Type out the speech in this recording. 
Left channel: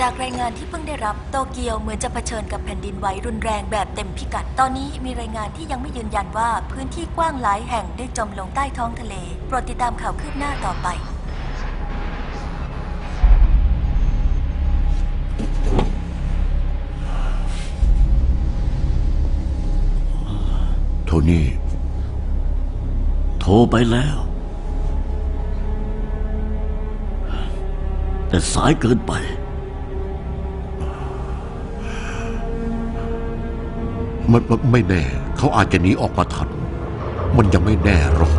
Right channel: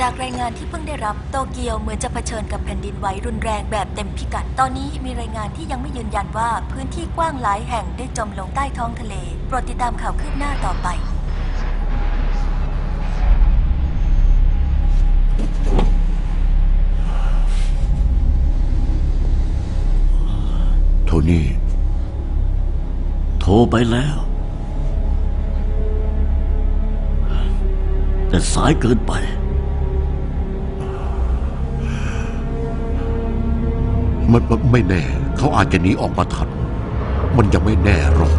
จากรายงานที่เพิ่งได้รับโตเกียวเหมือนจะเผชิญกับแผ่นดินไหวรุนแรงแบบเต็มพิกัด ตอนนี้มีรายงานที่ยังไม่ยืนยันว่าพื้นที่กว้างหลายแห่งได้จมลงใต้ท้องทะเล โปรดติดตามข่าวคืบหน้าต่อไปโทนี่ โทรไปแล้ว แต่สายเกินไป มันไม่แน่ เขาอาจจะหนีออกมาทัน มันยังไม่แน่หรอก